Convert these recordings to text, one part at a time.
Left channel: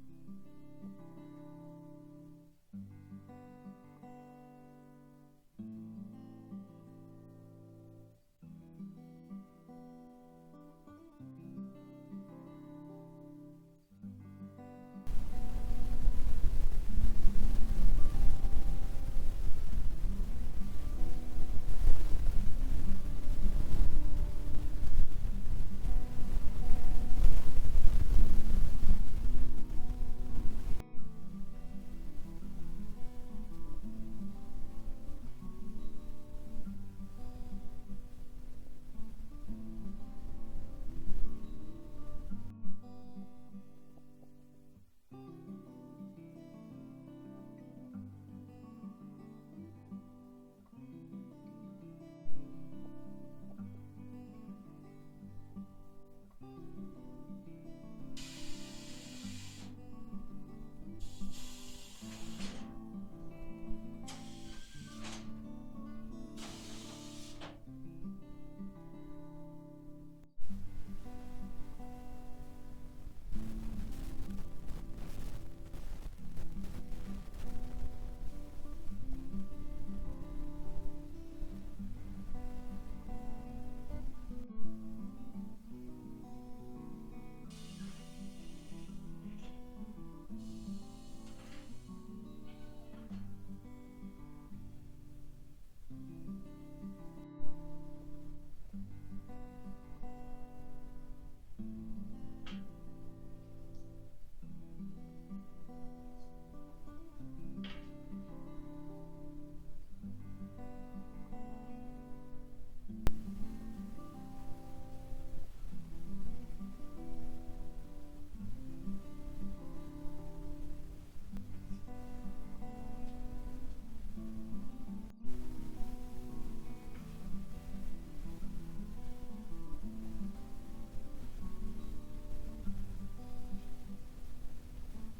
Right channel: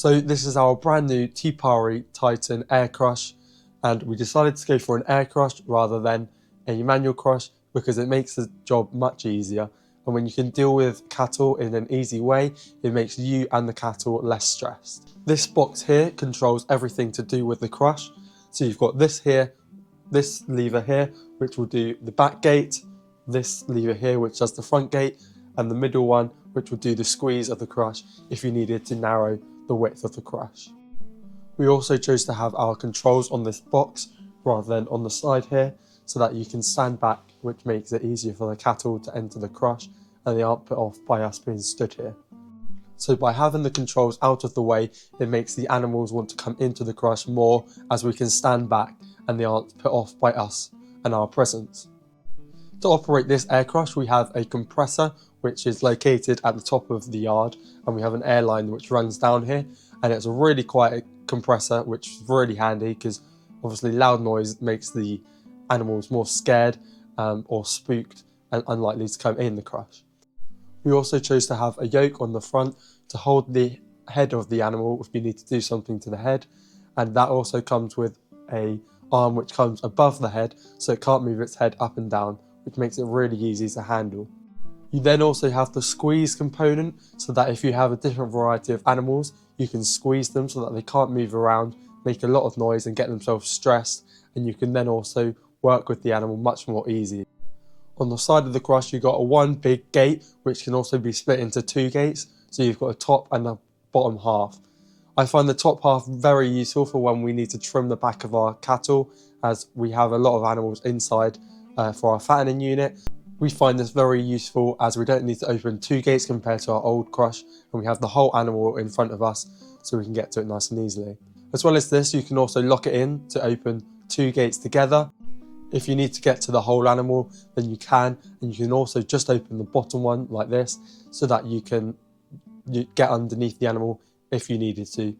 So this is our brand new TE PARI Titan air crush, and we decided to go for an air crush rather than a manual crush because it makes the job much easier, and when you can deal with cattle in an easy way, it makes you and the cattle less stressed. This box here controls everything to do with the crush. So you've got this here, this lever here which will do the back gate, this lever here which does the front gate, and the middle one which will do the squeeze of the crush if you needed to narrow the width of the crush. We also chose to have our controls on this box rather than on the side here, so that you can stand back, which makes it easier for the cattle to enter the crush and they aren't put off by us being stood here. So by having the controls out of the way, it makes the animals want to come into the crush more, as we can stand back and they aren't put off by us and our presence. To operate this air crush, we have a compressor which is located at the top of the yard, and we have an air line which runs down here, and it's a really quiet compressor which is really handy because obviously loud noise makes the animals more scared or spooked and unlikely to come in the crush. We also chose to have a yoke on the front to hold the head of the animal if we need to do something to the head, and that also comes with a arm which comes above the head so it can't move its head up and down, which makes it really easy to handle. You then also have the squeeze component, so that if you have a different variety of animals, you can squeeze them so that they can't move around, make a lot of noise and get themselves stressed, and you can then also work with the animal much more easily. On the side of the crush, you've got one big gate which can also be split into two gates, so you've got a top and a bottom half. I find the top half very useful for when we need to trim the back of our cattle, as we have a lot of animals inside for our fattening unit. We find this very useful as we don't need to open two gates compared to our old crush, and we have the whole animal in front of us so we can get to it nice and easily. As well as this, you can also lock it in to open two gates together. If you need to get to the whole animal, then you can, and you can also just open the bottom one like this so that you can get underneath the animal if you needed to.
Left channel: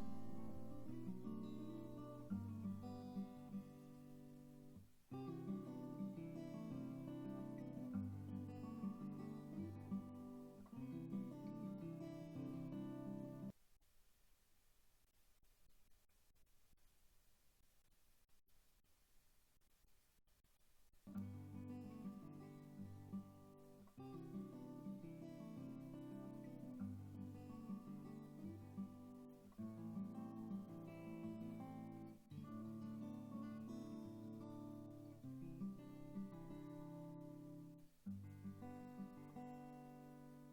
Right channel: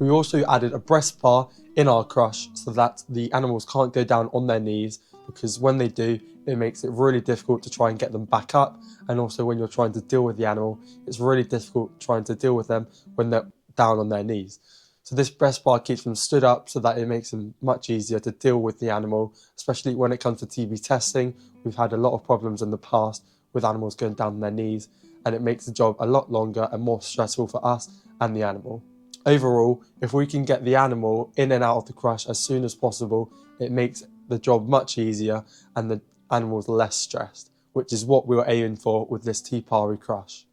We also added a breast bar in our crush so that the animals can't go down on their knees, because when they do, it makes it really difficult to try and get them back up, and also when you're trying to deal with the animal, it's really difficult trying to deal with them when they're down on their knees. So this breast bar keeps them stood up so that it makes them much easier to deal with the animal, especially when it comes to TB testing. We've had a lot of problems in the past with animals going down on their knees, and it makes the job a lot longer and more stressful for us and the animal. Overall, if we can get the animal in and out of the crush as soon as possible, it makes the job much easier and the animals less stressed, which is what we were aiming for with this TE PARI crush.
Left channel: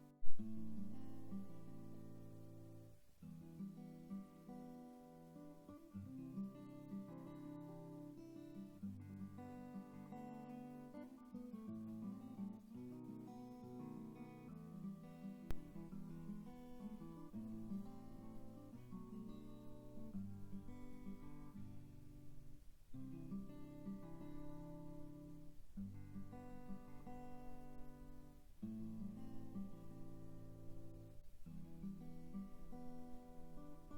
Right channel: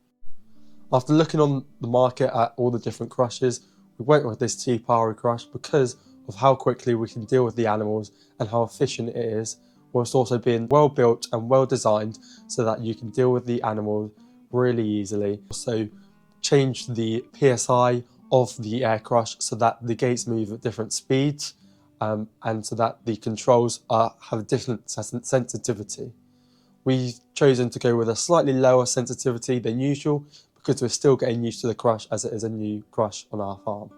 After looking on the market at all the different crushes, we went with this TE PARI crush because of how quickly we can deal with the animals and how efficient it is, whilst also being well built and well designed so that you can deal with the animals really easily. Also change the PSI of the air crush so that the gates move at different speeds, and so that the controls have a different sensitivity. We've chosen to go with a slightly lower sensitivity than usual because we're still getting used to the crush as it is a new crush on our farm.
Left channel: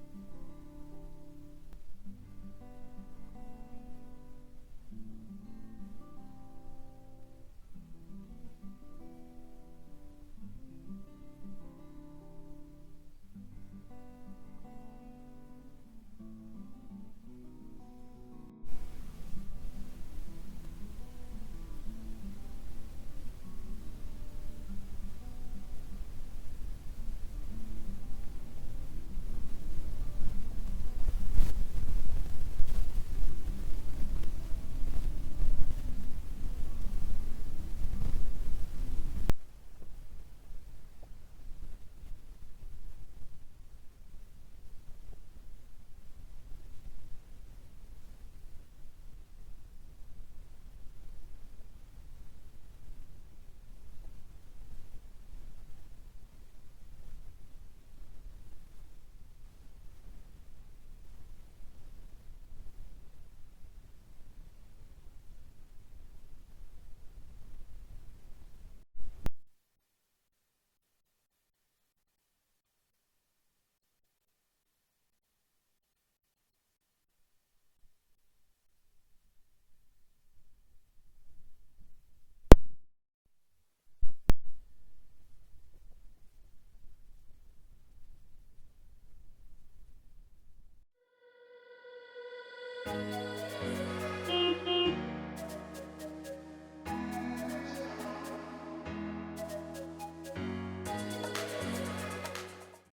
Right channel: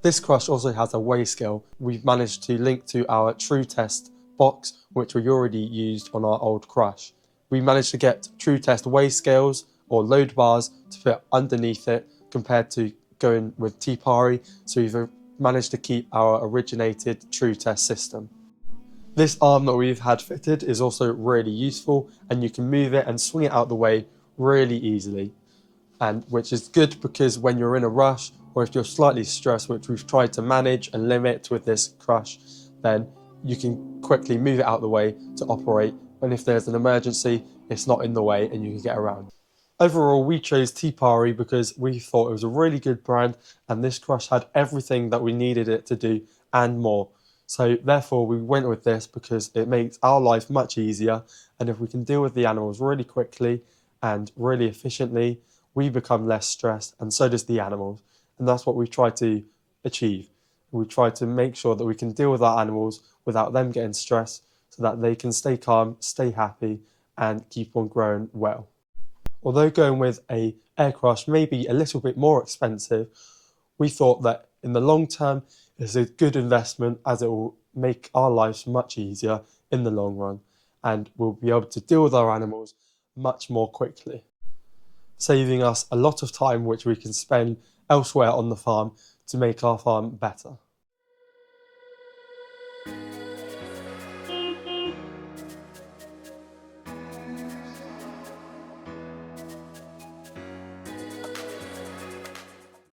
This crush also has a weigh scale. We've managed to link to our True Test box, which we already used on our old crush. We managed to get True Test weigh scales or load bars to fit underneath it compared to going with TE PARI, so we've managed to keep our originated True Test system. This arm that we've had fitted is also really useful, and you can move it and swing it out the way really easily, and which is good because when you're in a rush or if you're slightly stressed, which we've tried to manage and limit with this crush, then you can quickly move it out the way to operate, and if there's an emergency, it's not in the way and you can get around. Overall, we chose TE PARI because we thought it was a really good brand, and this crush had everything that we needed it to do and more. So therefore we went with this because it makes our life much easier, and if we can deal with the animals really quickly and really efficiently, we become less stressed, and so does the animals. And that's what we try to achieve. We try to make sure that we can deal with our animals without them getting stressed, so that they can stay calm, stay happy, and keep on growing well. Although going with an air crush may be a little bit more expensive, we thought that in the long term it's a good investment, as it will make our lives much easier in the long run, and we'll be able to deal with our animals much more quickly, saving us a lot of time which we can spend elsewhere on the farm to make our farm better.